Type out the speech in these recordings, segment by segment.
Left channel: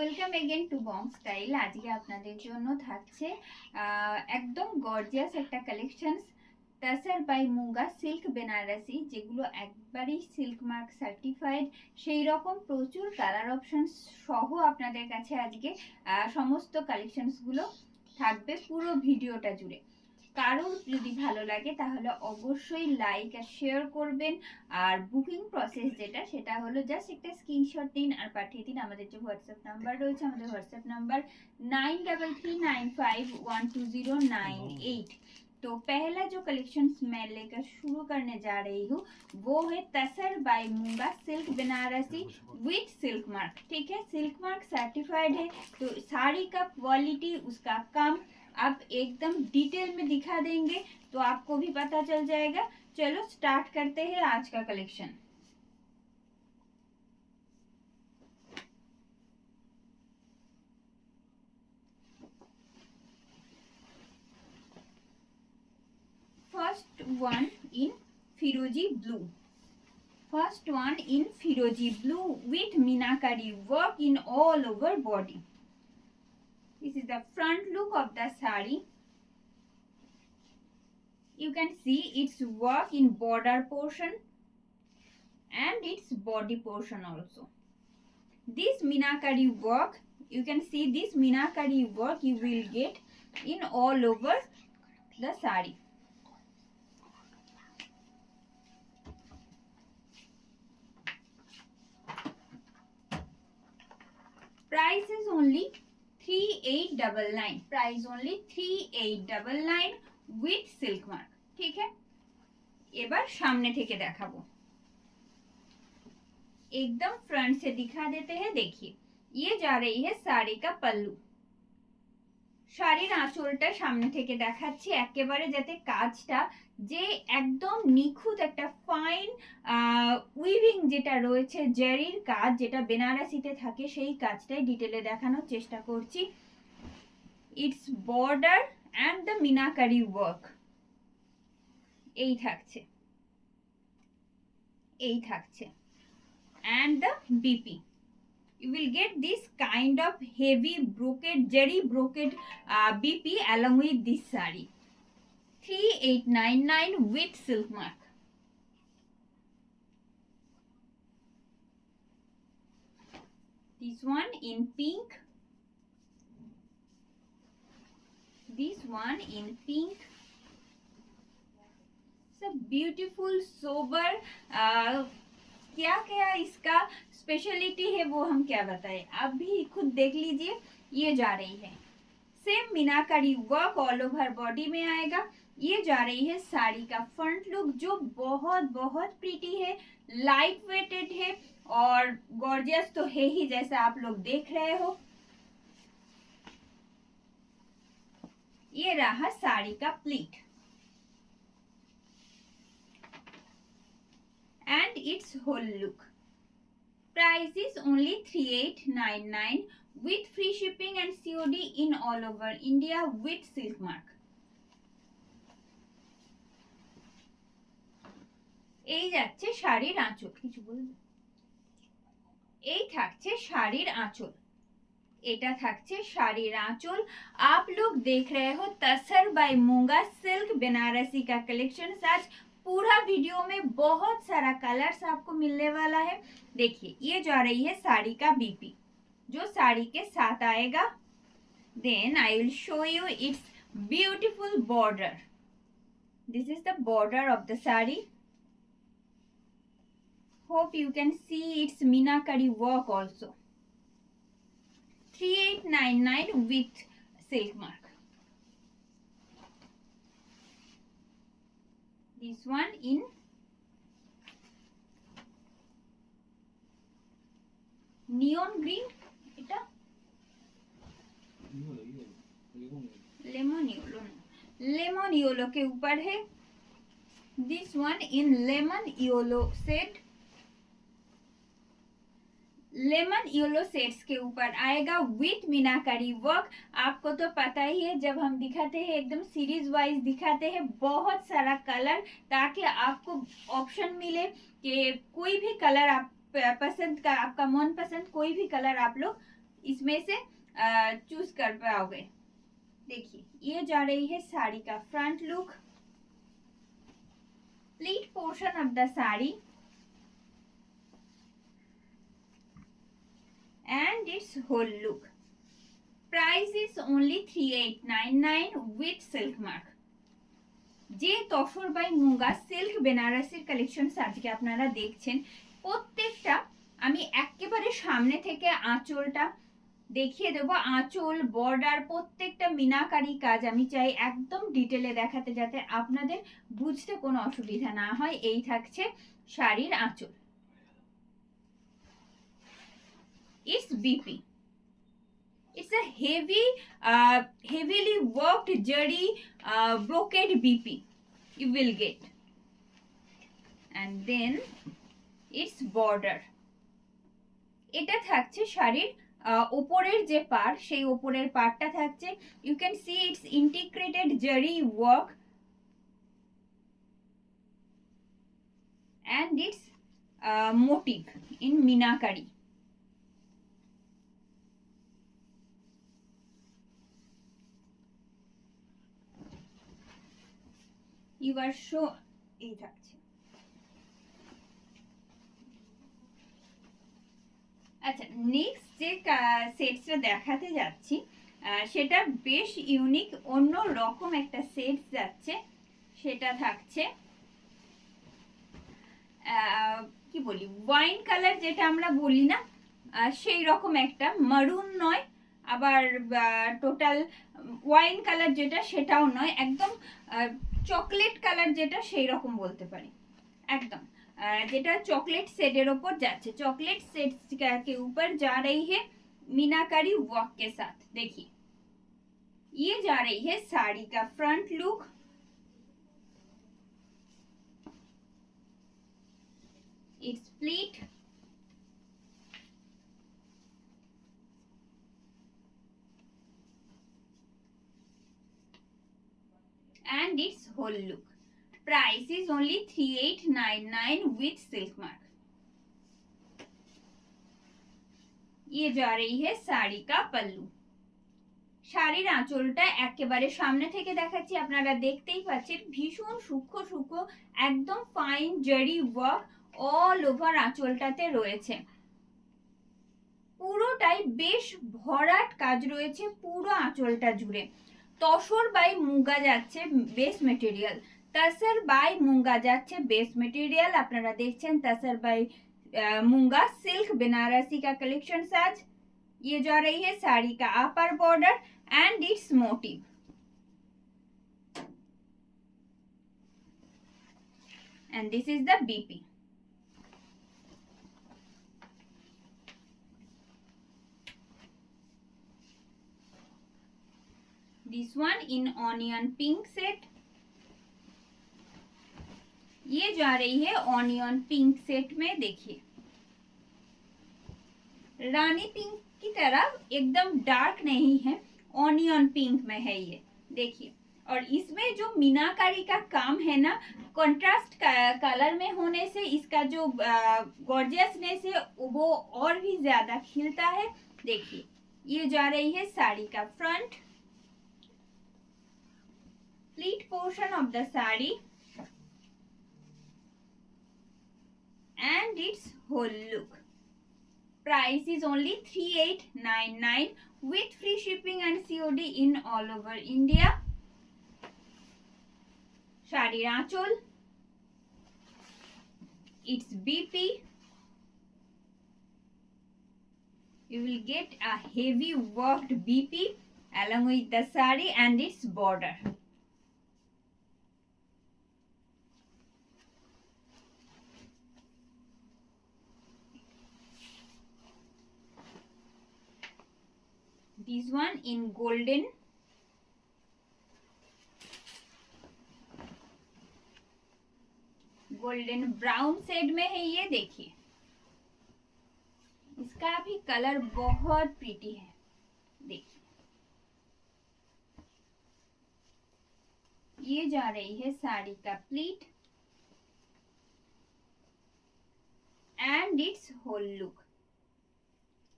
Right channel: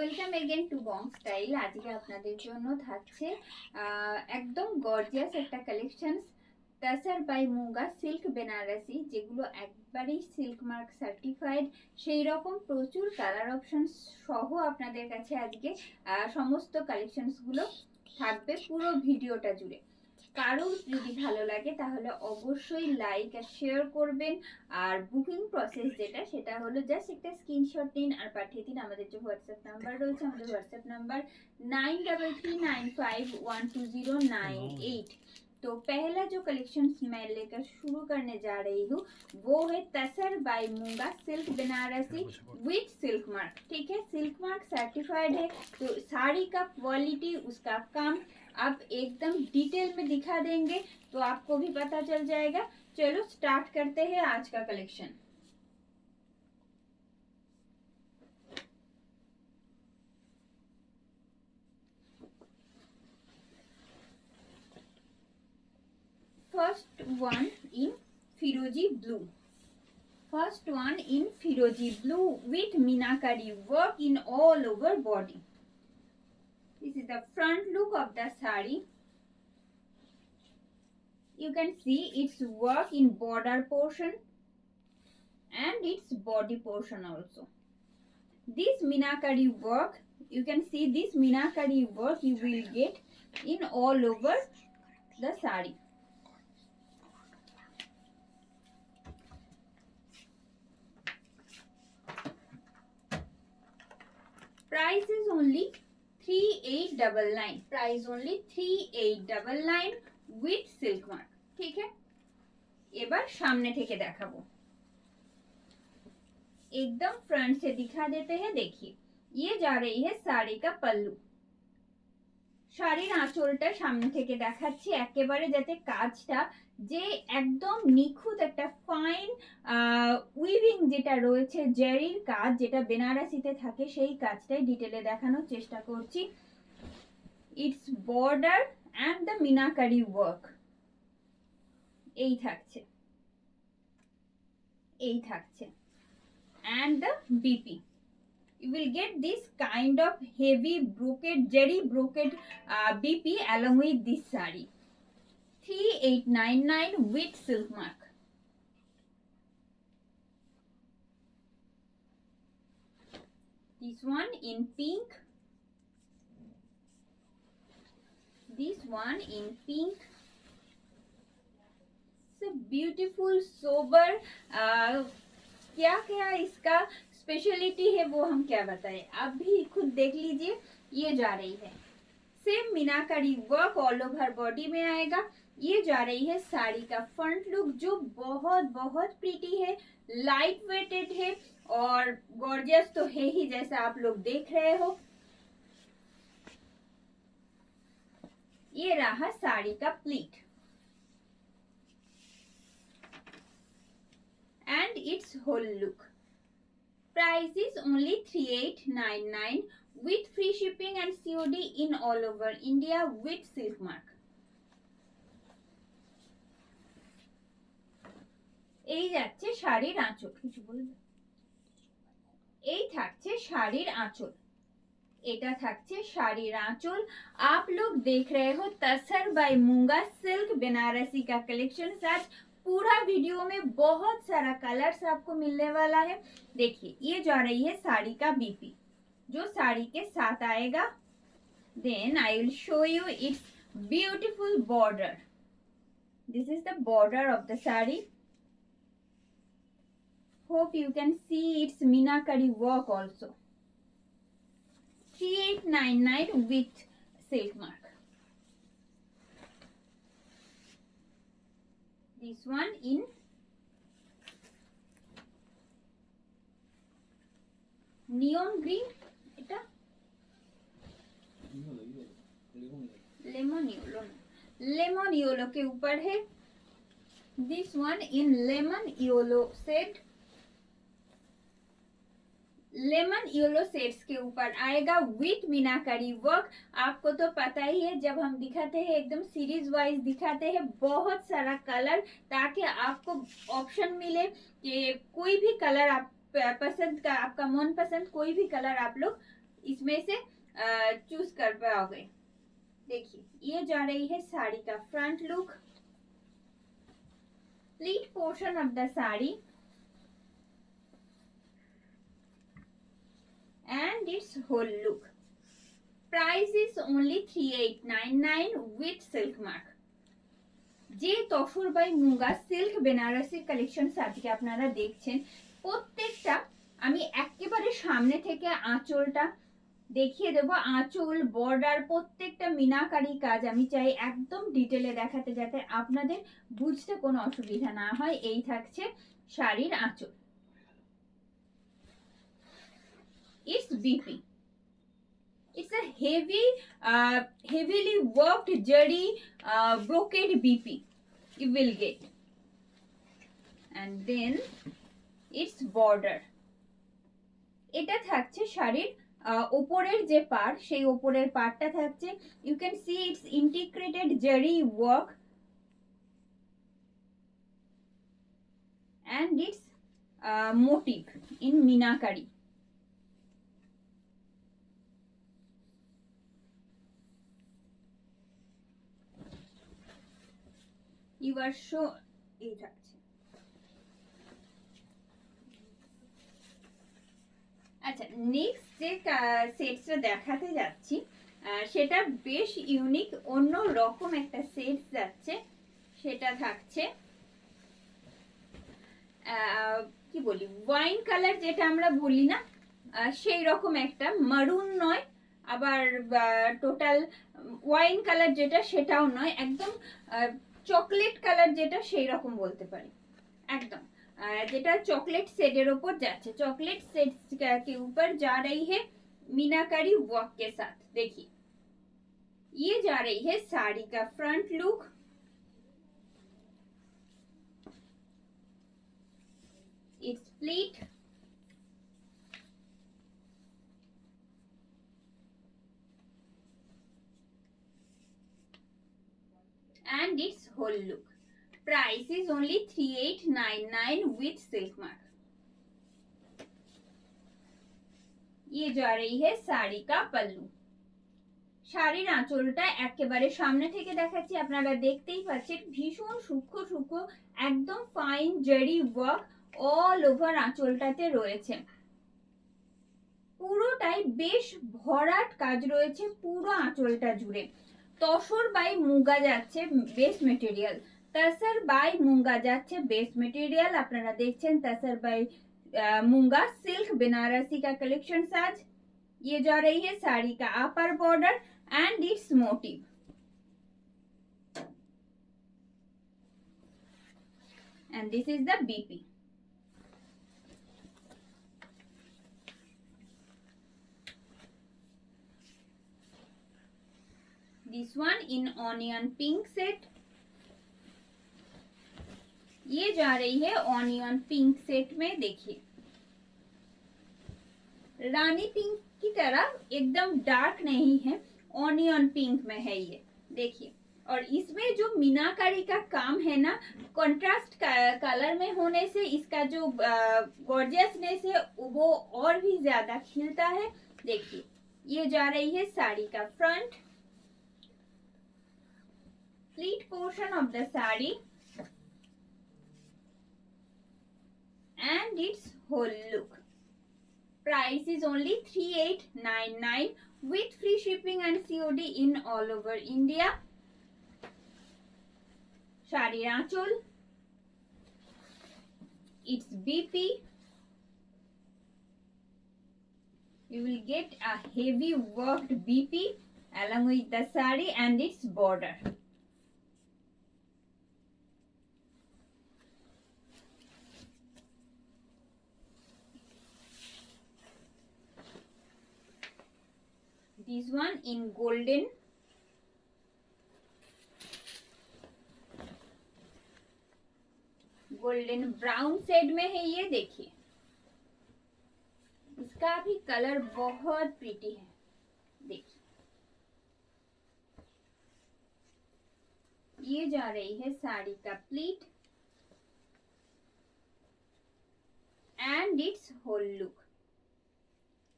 Welcome again to bong style. আজকে আপনাদের জন্য থাকছে একদম গর্জিয়াস একটা collections tussar by muga silk Banarasi, যেগুলো একবারই সিল্ক মার্ক সার্টিফাইড। সেই রকম প্রচুর কালার অপশন সহ আপনাদের কাছে আজকে সমস্ত কালেকশনসগুলো থাকবে পুরো ভিডিওটা জুড়ে। কারোর যদি ভালো লাগে তাহলে অবশ্যই লাইক আর শেয়ার করবেন। আর বুকিং প্রসেস যেটা, সেটা হলো জাস্ট একটা স্ক্রিনশট নিন আর পাঠিয়ে দিন। আমাদের যে হোয়াটসঅ্যাপ নাম্বার রয়েছে, আমাদের হোয়াটসঅ্যাপ নাম্বার 9339512098। तो पहला जो कलेक्शन मैं लेकर शुरू करने जा रही हूँ वो है तसर बाय मूंगा silk Banarasi with silk mark. ठीक है, सिल्क मार्क सर्टिफाइड है, तो साड़ी का क्वालिटी, उसका काम आप एकदम डिटेल में दिखा देंगे तो आपको भी पता चल जाएगा। चलो स्टार्ट करते हैं आज का collection. First one in Firozi blue. First one in Firozi blue with Minakari work in all over body. This is the front look of the sari. You can see its work in border portion and its body portion also. This Minakari work, you can see this Minakari work you will get in all over the sari. Price is only 3899. Price only 3899 with silk mark. ठीक है, এবার সামনে থেকে দেখাবো। एकदम front से दिखा देते हैं। देखिए, ये जा रही है साड़ी का पल्लू। শাড়ির আঁচলটা সামনে থেকে দেখাচ্ছি, একেবারে যাতে কাজটা যে একদম নিখুঁত একটা ফাইন উইভিং যেটা রয়েছে, জারির কাজ যেটা বেনারসিতে থাকে, সেই কাজটাই ডিটেলে দেখানোর চেষ্টা করছি। It's border and the meenakari work এই থাকছে, এই থাকছে, and the BP. You will get this kind of heavy brocade, jari brocade BP along with this sari. 3899 with silk mark. This one in pink. This one in pink. It's a beautiful sober क्या क्या इसका speciality है वो हम क्या बताएं, आप भी खुद देख लीजिए। ये जा रही है सेम मीनाकारी वर्क ऑल ओवर बॉडी में आएगा। ये जा रही है साड़ी का फ्रंट लुक, जो बहुत बहुत प्रीटी है, लाइट वेटेड है और गॉर्जियस तो है ही, जैसा आप लोग देख रहे हो। ये रहा साड़ी का pleat and its whole look. Price is only 3899 with free shipping and COD in all over India with silk mark. এই যাচ্ছে শাড়ির আঁচল, কিছু বলবে? এই থাকছে শাড়ির আঁচল, এটা থাকছে শাড়ির आंचल। आप लोग देख रहे हो तसर बाय मूंगा सिल्क बनारसी का कलेक्शन। आज पूरा वीडियो में बहुत सारा कलर्स आपको मिलने वाला है। देखिए, ये जा रही है साड़ी का बीपी जो साड़ी के साथ आएगा। Then I will show you it's beautiful border. This is the border of the sari. Hope you can see it's meenakari work also. 3899 with silk mark. This one in neon green, এটা lemon yellow, lemon yellow के ऊपर है। This one in lemon yellow shade, lemon yellow shades के ऊपर आएगा with meenakari work. आपको तो पता ही है, जब हम दिखाते हैं एकदम सीरीज वाइज दिखाते हैं, बहुत सारा कलर, ताकि आपको ऑप्शन मिले कि कोई भी कलर आप पसंद का, आपका मन पसंद कोई भी कलर आप लोग इसमें से चूज कर पाओगे। देखिए ये जा रही है साड़ी का front look, pleat portion of the sari and its whole look. Price is only 3899 with silk mark. যে তসর বাই মুগা সিল্ক বেনারসির কালেকশন আজকে আপনারা দেখছেন, প্রত্যেকটা আমি একেবারে সামনে থেকে আঁচলটা দেখিয়ে দেবো। আঁচল বর্ডার প্রত্যেকটা মিনাকারি কাজ আমি চাই একদম ডিটেলে দেখাতে, যাতে আপনাদের বুঝতে কোনো অসুবিধা না হয়। এই থাকছে শাড়ির আঁচল। It's BP. It's a heavily worked zari brocade BP you will get, and then its border. এটা থাকছে শাড়ির উপরের যে পার্ট, সেই উপরের পার্টটা থাকছে, you can see its integrated zari work and its motif in minakari. You are so এই থাকছে। আচ্ছা, নেক্সট যে সেটসটা দেখাতে যাচ্ছি সেটা বেশ ইউনিক, অন্য রকম একটা সেট যাচ্ছে। সেটা থাকছে কি বলি, ওয়াইন কালার যেটা আমরা বলি না, সেই রকম একটা, মারুন নয় আবার টোটাল ওয়াইন কালার যেটা সেটাও নয়, একদম চকলেট কালার যেটা সেই রকম বলতে পারি। একদম যেটা चॉकलेट सेट ऊपर जाच्छे, चॉकलेट सेट के ऊपर जा रही है मीनाकारी वर्क के साथ। देखिए ये जा रही है साड़ी का front look, it's pleat and its whole look. Price is only 3899 with silk mark. ये जा रही है শাড়ি का पल्लू। শাড়ির আঁচলটা একেবারে সামনে থেকে দেখাচ্ছি, আপনারা দেখতেই পাচ্ছেন ভীষণ সূক্ষ্ম সূক্ষ্ম একদম ফাইন জারি ওয়ার্ক অল ওভার আঁচলটাতে রয়েছে। পুরোটাই বেশ ভরাট কাজ রয়েছে পুরো আঁচলটা জুড়ে। তসর বাই মুগা যাচ্ছে বেস মেটেরিয়াল, तसर बाय मूंगा जाच्छे बेस मटेरियल। আপনারা দেখছেন तसर बाय मूंगा सिल्क बनारसी का कलेक्शन साज। ये जा रही है साड़ी का upper border and it's motive. And this is the BP. This one in onion pink set. ये जा रही है ऑनियन पिंक सेट में। देखिए रानी पिंक की तरह एकदम डार्क नहीं है, ऑनियन पिंक में है ये। देखिए और इसमें जो मीनाकारी का काम है ना, कंट्रास्ट कलर में होने से इसका जो गॉर्जियसनेस है वो और भी ज्यादा खिलता है। देखिए ये जा रही है साड़ी का front, pleat portion of the sari and its whole look. Price is only 3899 with free shipping and COD in all over India. শাড়ির আঁচল, its BP. You will get a heavy worked BP along with the sari and its border. This one in golden, golden brown shade में है ये। देखिए इसका भी colour बहुत pretty है। देखिए ये जा रही है साड़ी का pleat and it's whole look.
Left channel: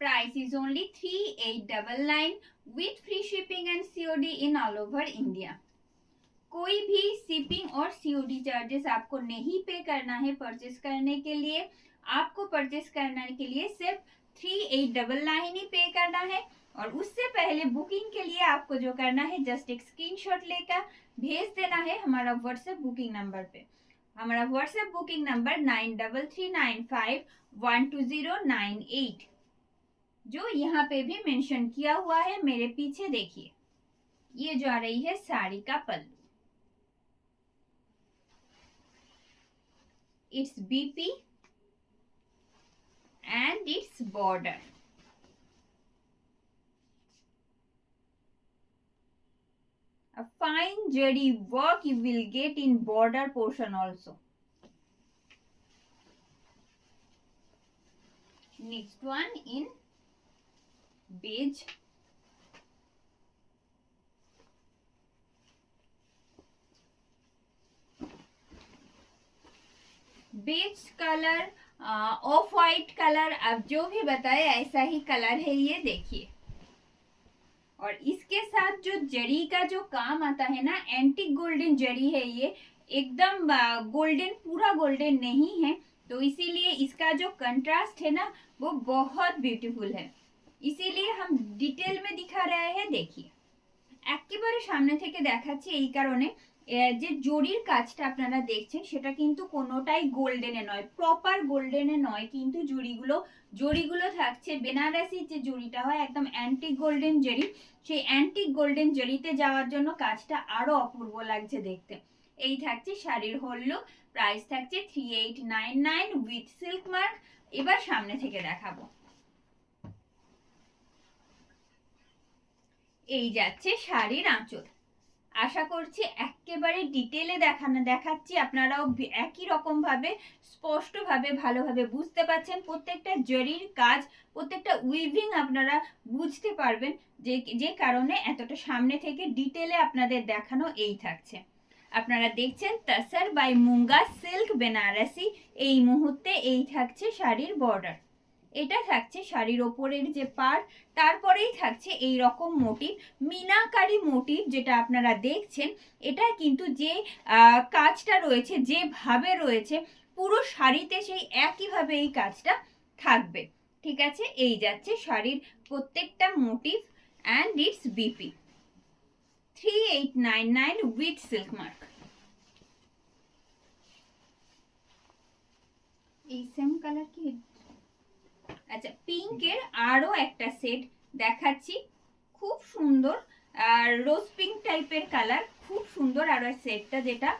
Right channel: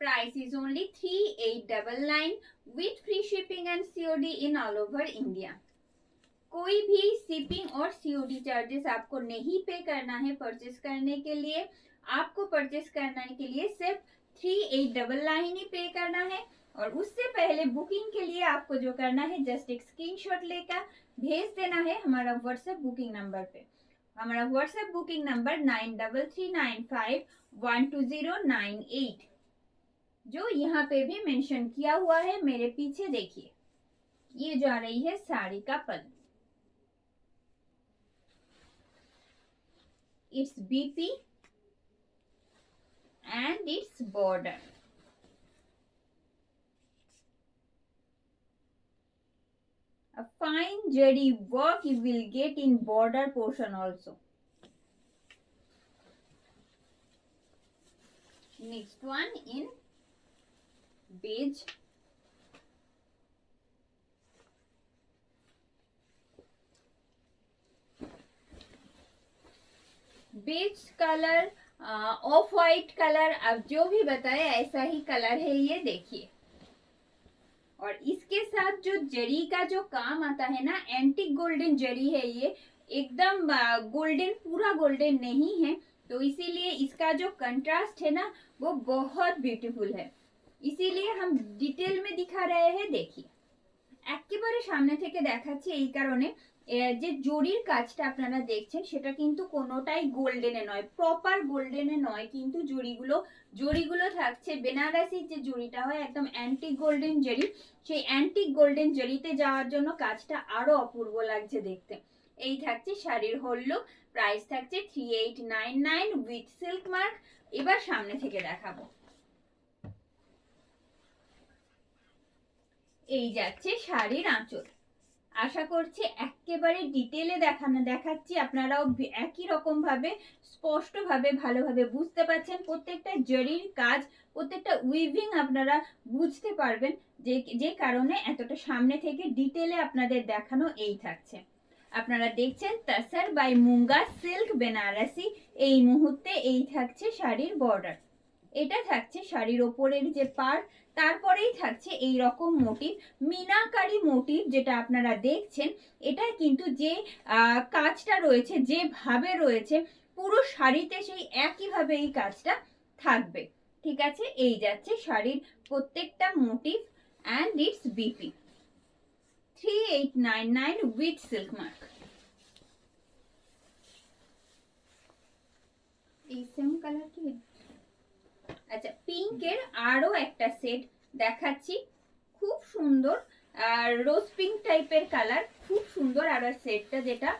Price is only 3899 with free shipping and COD in all over India. कोई भी शिपिंग और COD चार्जेस आपको नहीं पे करना है परचेस करने के लिए। आपको परचेस करने के लिए सिर्फ 3899 ही पे करना है। और उससे पहले बुकिंग के लिए आपको जो करना है जस्ट एक स्क्रीनशॉट लेकर भेज देना है हमारा व्हाट्सएप बुकिंग नंबर पे। हमारा व्हाट्सएप बुकिंग नंबर 9339512098 जो यहाँ पे भी मेंशन किया हुआ है। मेरे पीछे देखिए, ये जो आ रही है साड़ी का पल्लू, its BP and its border. A fine zari work you will get in border portion also. Next one in beige. Beige colour, off white colour, अब जो भी बताए ऐसा ही कलर है ये देखिए। और इसके साथ जो जरी का जो काम आता है ना, एंटीक गोल्डन जरी है ये, एकदम गोल्डन, पूरा गोल्डन नहीं है, तो इसीलिए इसका जो कंट्रास्ट है ना वो बहुत ब्यूटीफुल है। इसीलिए हम डिटेल में दिखा रहे हैं। देखिए একেবারে সামনে থেকে দেখাচ্ছি এই কারণে যে জরির কাজটা আপনারা দেখছেন সেটা কিন্তু কোনোটাই গোল্ডেনে নয়, প্রপার গোল্ডেনে নয়, কিন্তু জরিগুলো থাকছে বেনারসি যে জরিটা হয় একদম অ্যান্টিক গোল্ডেন জরি, সেই অ্যান্টিক গোল্ডেন জরিতে যাওয়ার জন্য কাজটা আরো অপূর্ব লাগছে দেখতে। এই থাকছে শাড়ির হোল লুক। প্রাইস থাকছে 3899 উইথ সিল্ক মার্ক। এবার সামনে থেকে দেখাবো। এই যাচ্ছে শাড়ির আঁচল। আশা করছি একেবারে ডিটেলে দেখাচ্ছি, আপনারাও একই রকম ভাবে স্পষ্টভাবে ভালোভাবে বুঝতে পারছেন। প্রত্যেকটা জরির কাজ, প্রত্যেকটা উইভিং আপনারা বুঝতে পারবেন, যে কারণে এতটা সামনে থেকে ডিটেলে আপনাদের দেখানো। এই থাকছে, আপনারা দেখছেন তসর বাই মুঙ্গা সিল্ক বেনারসি। এই মুহূর্তে এই থাকছে শাড়ির বর্ডার, এটা থাকছে শাড়ির ওপরের যে পাড়, তারপরেই থাকছে এই রকম মোটিভ, মিনাকারি মোটিভ যেটা আপনারা দেখছেন। এটা কিন্তু যে কাজটা রয়েছে, যেভাবে রয়েছে পুরো শাড়িতে সেই একইভাবে এই কাজটা থাকবে। ঠিক আছে, এই যাচ্ছে শাড়ির প্রত্যেকটা মোটিভ অ্যান্ড ইটস বিপি। 3899 উইথ সিল্ক মার্ক। এই সেম কালার কি? আচ্ছা, পিঙ্কের আরো একটা সেট দেখাচ্ছি, খুব সুন্দর, আর রোজ পিঙ্ক টাইপের কালার, খুব সুন্দর। আর সেটটা যেটা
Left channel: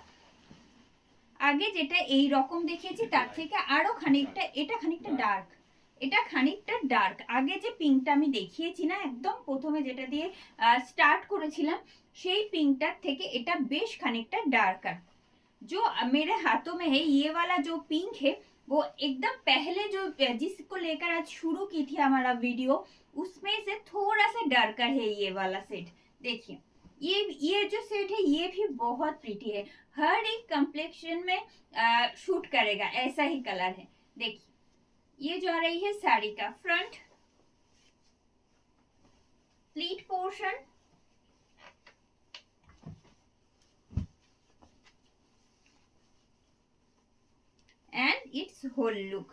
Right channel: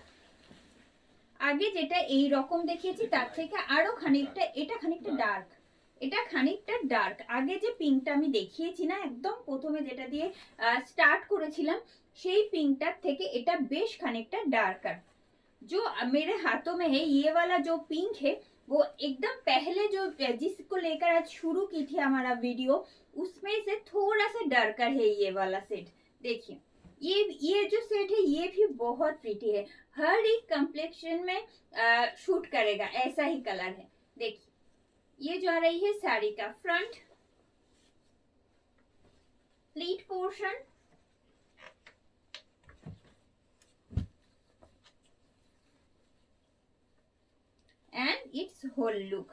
আগে যেটা এই রকম দেখিয়েছি তার থেকে আরো খানিকটা, এটা খানিকটা ডার্ক, এটা খানিকটা ডার্ক। আগে যে পিঙ্কটা আমি দেখিয়েছি না একদম প্রথমে যেটা দিয়ে স্টার্ট করেছিলাম, সেই পিঙ্কটার থেকে এটা বেশ খানিকটা ডার্কার। जो मेरे हाथों में है ये वाला जो पिंक है वो एकदम पहले जो जिसको लेकर आज शुरू की थी हमारा वीडियो, उसमें से थोड़ा सा डार्कर है ये वाला सेट। देखिए ये जो सेट है ये भी बहुत प्रीटी है, हर एक कम्प्लेक्शन में शूट करेगा, ऐसा ही कलर है। देखिए ये जो आ रही है साड़ी का front pleat portion, and it's whole look.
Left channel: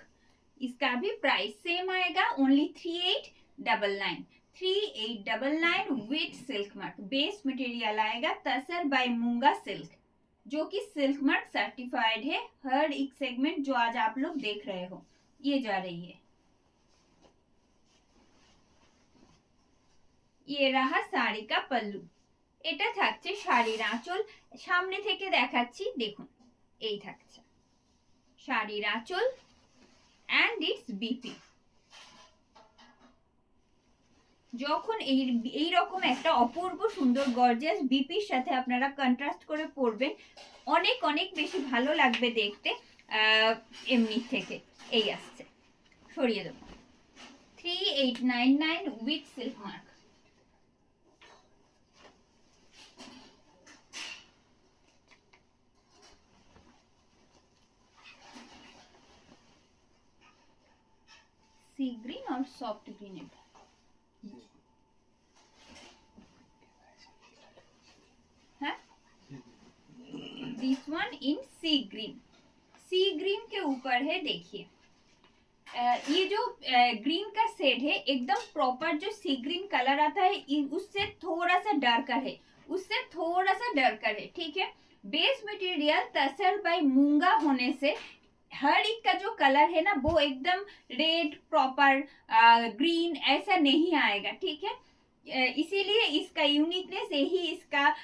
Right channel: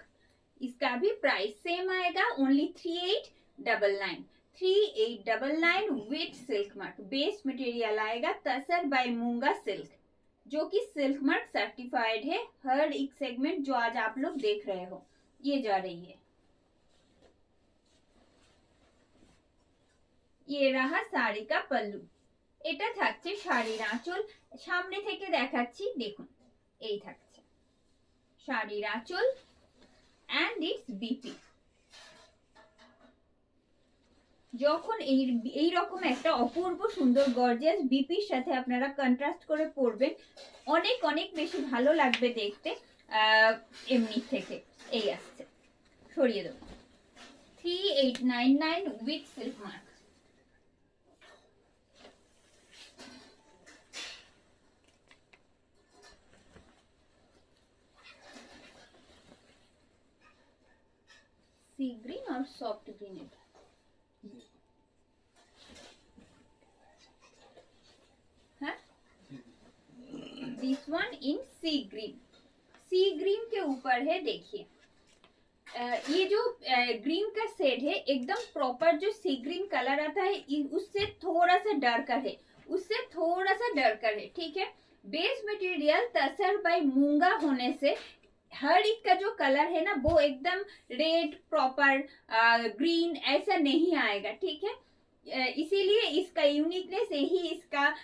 इसका भी प्राइस सेम आएगा, only 3899 with silk mark. Base material आएगा तसर बाय मूंगा सिल्क, जो कि सिल्क मार्क सर्टिफाइड है। हर एक सेगमेंट जो आज आप लोग देख रहे हो ये जा रही है। ये रहा শাড়ি का पल्लू, এটা থাকছে শাড়ির আঁচল। সামনে থেকে দেখাচ্ছি, দেখুন এই থাকছে শাড়ির আঁচল অ্যান্ড ইটস বিপি। যখন এই রকম একটা অপূর্ব সুন্দর গর্জিয়াস বিপির সাথে আপনারা কন্ট্রাস্ট করে পরবেন, অনেক অনেক বেশি ভালো লাগবে দেখতে এমনি থেকে। এই আসছে, সরিয়ে দেবো। 3899 with silk mark. Sea green और सॉफ्ट ग्रीन এটা हाँ this one in sea green के ऊपर है। देखिए ये जो ग्रीन का शेड है एकदम प्रॉपर जो सी ग्रीन कलर आता है उससे थोड़ा सा डार्कर है, ठीक है। बेस मटेरियल तसर बाय मूंगा होने से हर एक का जो कलर है ना वो एकदम रेड प्रॉपर ग्रीन ऐसा नहीं आएगा, ठीक है। इसीलिए इसका यूनिकनेस यही इसका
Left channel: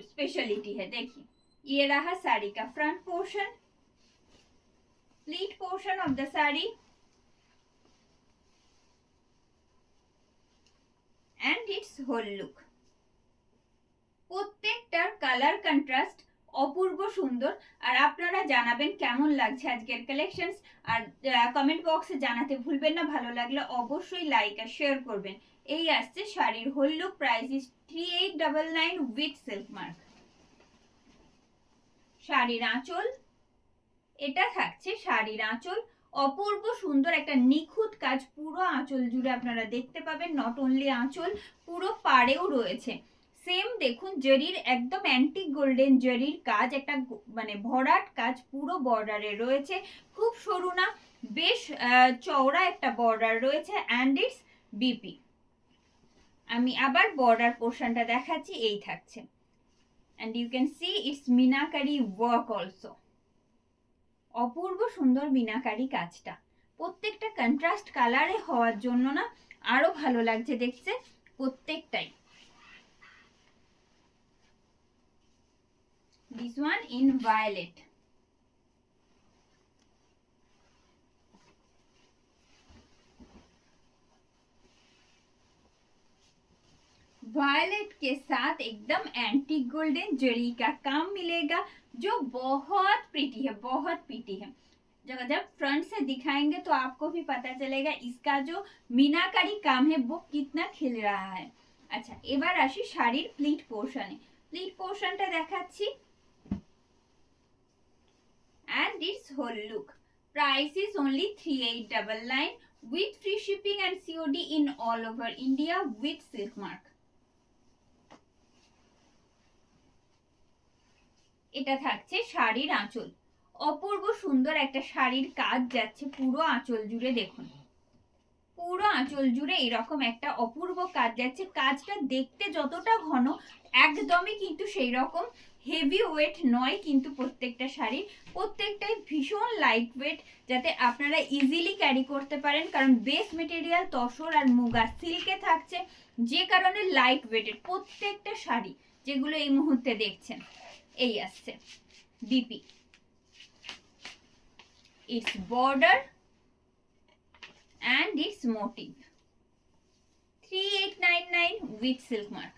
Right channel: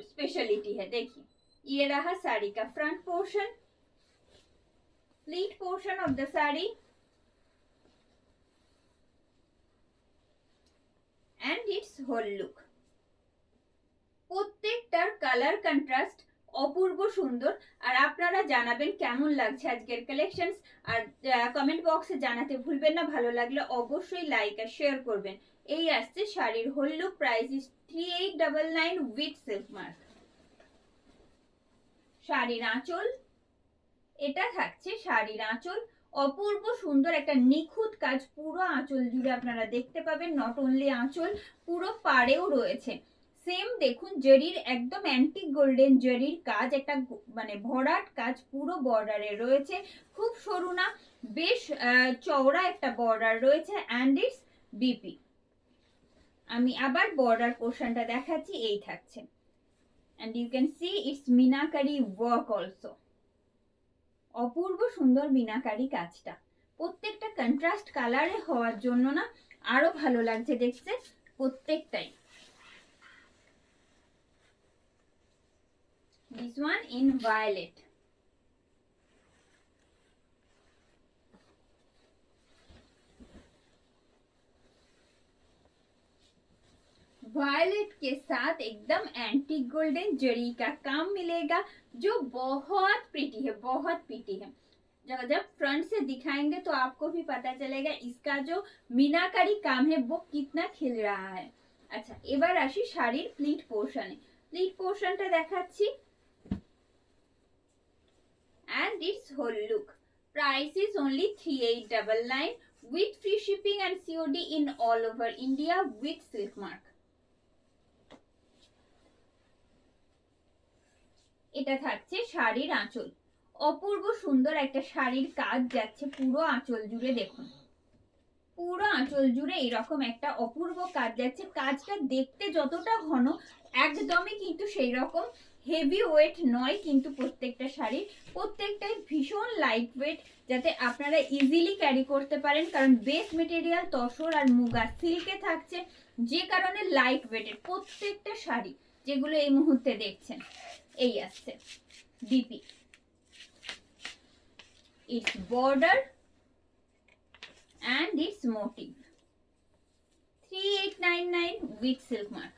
स्पेशलिटी है। देखिए ये रहा साड़ी का front portion, pleat portion of the sari and its whole look। প্রত্যেকটার কালার কন্ট্রাস্ট অপূর্ব সুন্দর। আর আপনারা জানাবেন কেমন লাগছে আজকের কালেকশনস, আর কমেন্ট বক্সে জানাতে ভুলবেন না। ভালো লাগলে অবশ্যই লাইক আর শেয়ার করবেন। এই আসছে শাড়ির whole look, price is 3899 with silk mark. শাড়ির আঁচল, এটা থাকছে শাড়ির আঁচল, অপূর্ব সুন্দর একটা নিখুঁত কাজ পুরো আঁচল জুড়ে আপনারা দেখতে পাবেন। নট অনলি আঁচল, পুরো পাড়েও রয়েছে সেম দেখুন জরির একদম অ্যান্টিক গোল্ডেন জরির কাজ, একটা মানে ভরাট কাজ পুরো বর্ডারে রয়েছে। খুব সরু না, বেশ চওড়া একটা বর্ডার রয়েছে অ্যান্ড ইটস বিপি। আমি আবার বর্ডার পোর্শনটা দেখাচ্ছি, এই থাকছে and you can see it's meenakari work also. অপূর্ব সুন্দর মিনাকারি কাজটা প্রত্যেকটা কন্ট্রাস্ট কালারে হওয়ার জন্য না আরো ভালো লাগছে দেখতে প্রত্যেকটাই। This one in violet। Violet के साथ एकदम एंटीक गोल्डन जरी का काम मिलेगा जो बहुत प्रीटी है, बहुत प्रीटी है। जब फ्रंट से दिखाएंगे तो आपको भी पता चलेगा इसका जो मीनाकारी काम है वो कितना खिल रहा है। अच्छा এবার আসি শাড়ির প্লিট পোর্শনে। প্লিট পোর্শনটা দেখাচ্ছি and its whole look। Price is only 3899 with free shipping and COD in all over India with silk mark। এটা থাকছে শাড়ির আঁচল, অপূর্ব সুন্দর একটা শাড়ির কাজ যাচ্ছে পুরো আঁচল জুড়ে। দেখুন পুরো আঁচল জুড়ে এরকম একটা অপূর্ব কাজ যাচ্ছে। কাজটা দেখতে যতটা ঘন একদমই কিন্তু সেই রকম হেভি ওয়েট নয়, কিন্তু প্রত্যেকটা শাড়ি প্রত্যেকটাই ভীষণ লাইট ওয়েট, যাতে আপনারা ইজিলি ক্যারি করতে পারেন। কারণ বেস মেটেরিয়াল তসর আর মুগা সিল্কে থাকছে, যে কারণে লাইট ওয়েটের প্রত্যেকটা শাড়ি যেগুলো এই মুহূর্তে দেখছেন। এই আসছে DP, it's border and its motif। 3899 with silk mark।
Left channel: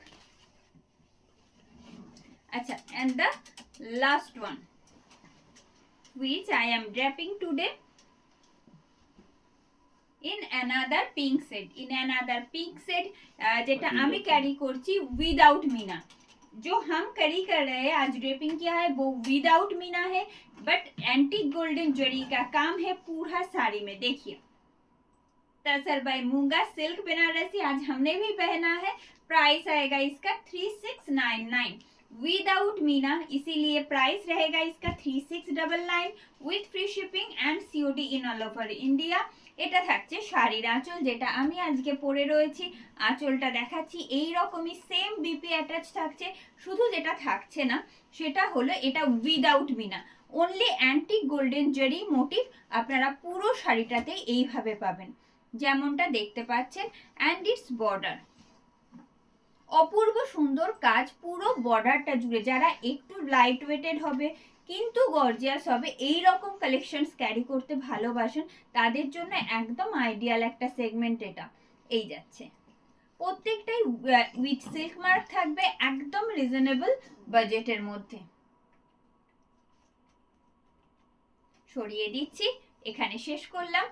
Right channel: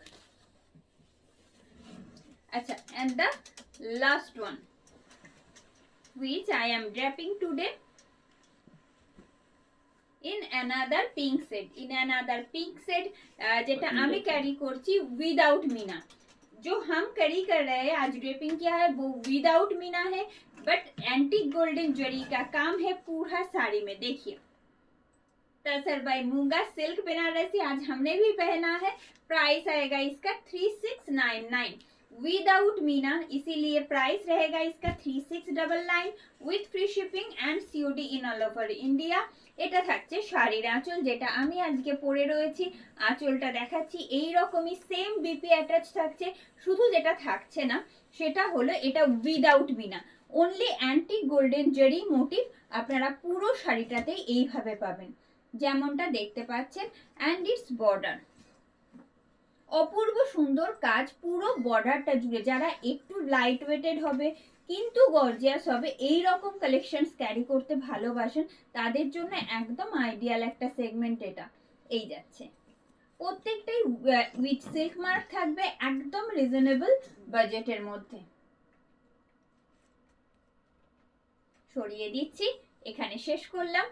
Acha, and the last one which I am draping today in another pink shade। যেটা আমি ক্যারি করছি without मीना। जो हम कैरी कर रहे हैं आज ड्रेपिंग किया है वो विदाउट मीना है, बट एंटीक गोल्डन जरी का काम है पूरा साड़ी में। देखिए तसर बाय मूंगा सिल्क बनारसी आज हमने भी पहना है। प्राइस आएगा इसका 3699 विदाउट मीना, इसीलिए प्राइस रहेगा इसका 3699 with free shipping and COD in all over India. এটা থাকছে শাড়ির আঁচল, যেটা আমি আজকে পরে রয়েছি। আঁচলটা দেখাচ্ছি এই রকমই সেম বিপি অ্যাটাচ থাকছে, শুধু যেটা থাকছে না সেটা হলো এটা without meena, only antique golden zari motif আপনারা পুরো শাড়িটাতেই এইভাবে পাবেন যেমনটা দেখতে পাচ্ছেন। অ্যান্ড ইটস বর্ডার, অপূর্ব সুন্দর কাজ পুরো বর্ডারটা জুড়ে। যারা একটু লাইট ওয়েটেড হবে কিন্তু গর্জিয়াস হবে এই রকম কালেকশনস ক্যারি করতে ভালোবাসেন তাদের জন্য একদম আইডিয়াল একটা সেগমেন্ট এটা। এই যাচ্ছে প্রত্যেকটাই উইথ সিল্ক মার্ক থাকবে, একদম রিজনেবল বাজেটের মধ্যে। সরিয়ে দিচ্ছি, এখানে শেষ করলাম।